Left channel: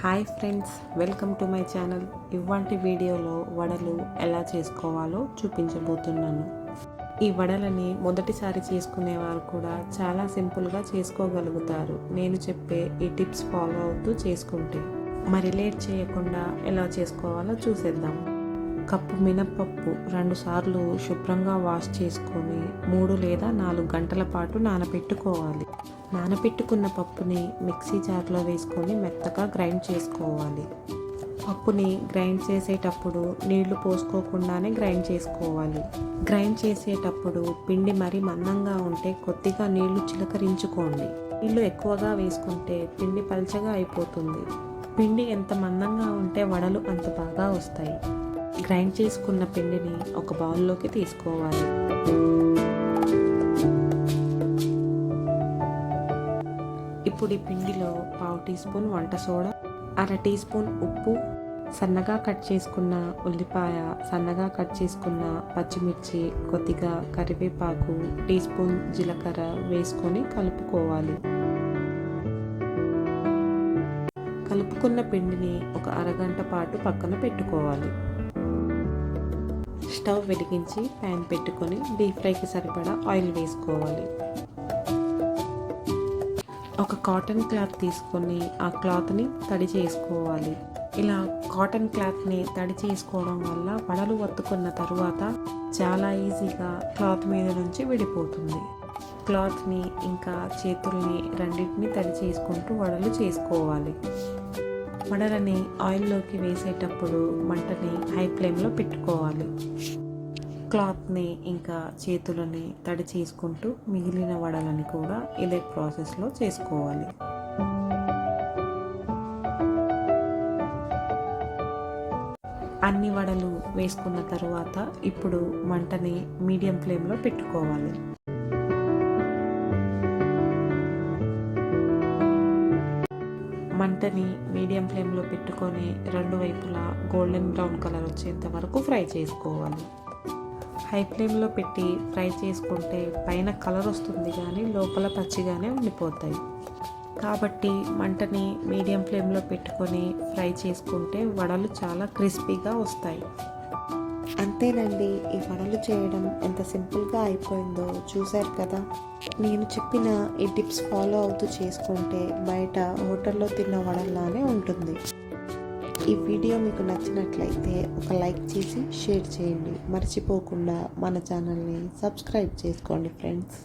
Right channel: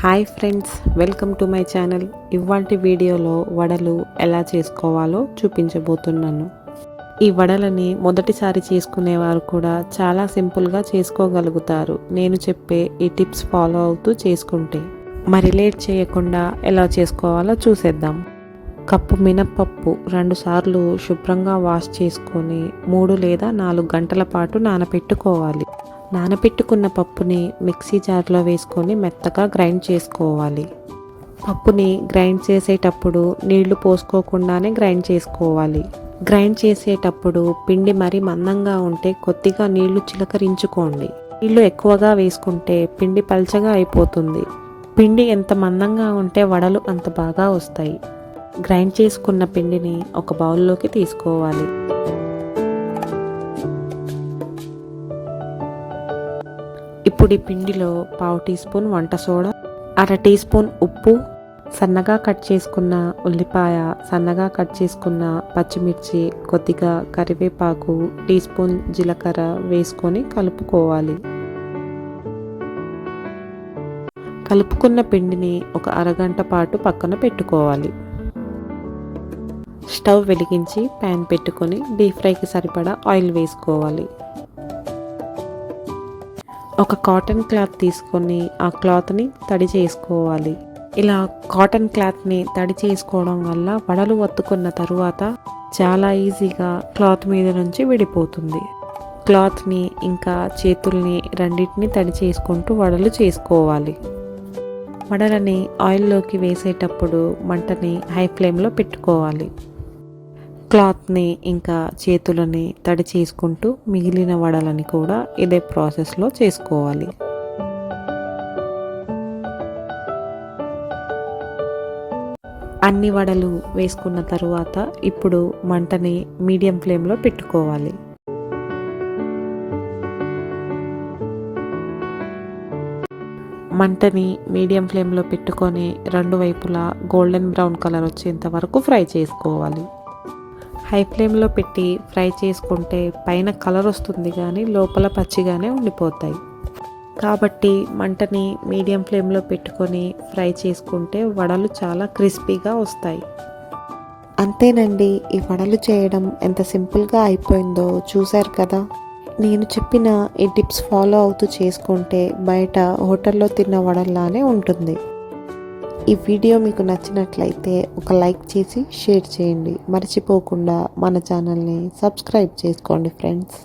Hi friends welcome to my channel. ఇవాల్టి వీడియోలో వడలు ఎలా చేసుకోవాలో చూపించబోతున్నాను. ఈ వడలని మొదటిసారి చేసుకునేవారు కూడా చాలా సింపుల్గా చేసుకోగలుగుతారు. నేను చెప్పే ఈ టిప్స్ ఫాలో అవుతూ చేసుకుంటే. మరి లేట్ చేయకుండా ఎలా చేసుకోవాలో చూసేద్దాం. కప్పు మినప్పప్పు రెండుసార్లు శుభ్రంగా వాష్ చేసుకొని మూడు లేదా నాలుగు గంటల పాటు నానబెట్టుకోవాలి నానబెట్టుకున్న పప్పుని మిక్సీ జార్లో వేసుకొని మెత్తగా గ్రైండ్ చేసుకోవాలి. పప్పుని గ్రైండ్ చేసేటప్పుడు నీళ్ళు పోసుకోకుండానే గ్రైండ్ చేసుకోవాలి. గ్రైండ్ చేసేటప్పుడు పిండి మరీ మందంగా ఉంటే కొద్దిగా నీళ్ళు చిలకరించుకోండి. నీళ్ళు ఎక్కువగా వేసుకుంటే పిండి పల్చగా అయిపోతుంది. పిండి ఎంత మందంగా ఉంటే వడలు అంత బాగా వస్తాయి. గ్రైండ్ చేసుకున్న పిండిని ఒక బౌల్లోకి తీసుకోవాలి. ఇప్పుడు ఈ పిండిలో పావు టీ స్పూన్ వంట సోడా అర టీ స్పూన్ ఉప్పు సన్నగా కట్ చేసుకున్న ఉల్లిపాయ సన్నగా కట్ చేసుకున్న పచ్చిమిర్చి కొద్దిగా కరివేపాకు టీ స్పూన్ జీలకర్ర వేసుకొని కలుపుకోవాలి. కలుపుకున్న పిండిని ఒక అరగంట పాటు పక్కన పెట్టుకోవాలి. స్టవ్ వెలిగించి ప్యాన్ పెట్టుకొని డీప్ ఫ్రైకి సరిపడా ఆయిల్ వేసుకోవాలి. ఒక కాటన్ క్లాత్ తీసుకొని ఆ క్లాత్ని తడి చేసుకోవాలి. ఇలా కాటన్ క్లాత్ని తడి చేసుకోవడం వల్ల వడలు వత్తుకున్న తరువాత చాలా ఈజీగా క్లాత్ మీద నుంచి విడిపోతుంది. క్లాత్ని ఇంకా చేతుల్ని రెండింటిని తడి చేసుకుంటూ వడలు చేసుకోవాలి. వడలని ఆయిల్లోకి వేసేటప్పుడు మంటని హై ఫ్లేమ్లో పెట్టుకోవాలి. క్లాత్ని ఇంకా చేతులని తడి చేసుకుంటూ మిగిలిన వడలని కూడా ఇదే ప్రాసెస్లో చేసుకోవాలి. అన్ని వడలు వేసుకున్న తరువాత ఇప్పుడు మంటని మీడియం ఫ్లేమ్లో పెట్టుకోవాలి. మంటని మీడియం ఫ్లేమ్లో పెట్టుకొని రెండు వైపులా గోల్డెన్ బ్రౌన్ కలర్ వచ్చేంత వరకు ఫ్రై చేసుకోవాలి. హై ఫ్లేమ్లో పెట్టి ఫ్రై చేసుకుంటే పైన కలర్ వస్తుంది కానీ లోపల పచ్చిగానే ఉండిపోతాయి. కాబట్టి మంటని మీడియం ఫ్లేమ్లో పెట్టుకొని ఫ్రై చేసుకుంటే వడలు చాలా క్రిస్పీగా వస్తాయి. అంతేనండి ఈ వడలు చేయడం ఎంత సింపుల్గా అయిపోయిందో చూశారు కదా. నేను చెప్పిన ఈ టిప్స్ ఫాలో అవుతూ చేసుకుంటే బయట హోటల్లో తిన్న వడల్లానే ఉంటుంది. ఈ వీడియో మీకు నచ్చినట్లయితే ఒక లైక్ చేసి షేర్ చేయండి. మర్చిపోకుండా మన ఛానల్ని సబ్స్క్రైబ్ చేసుకోండి ఫ్రెండ్స్.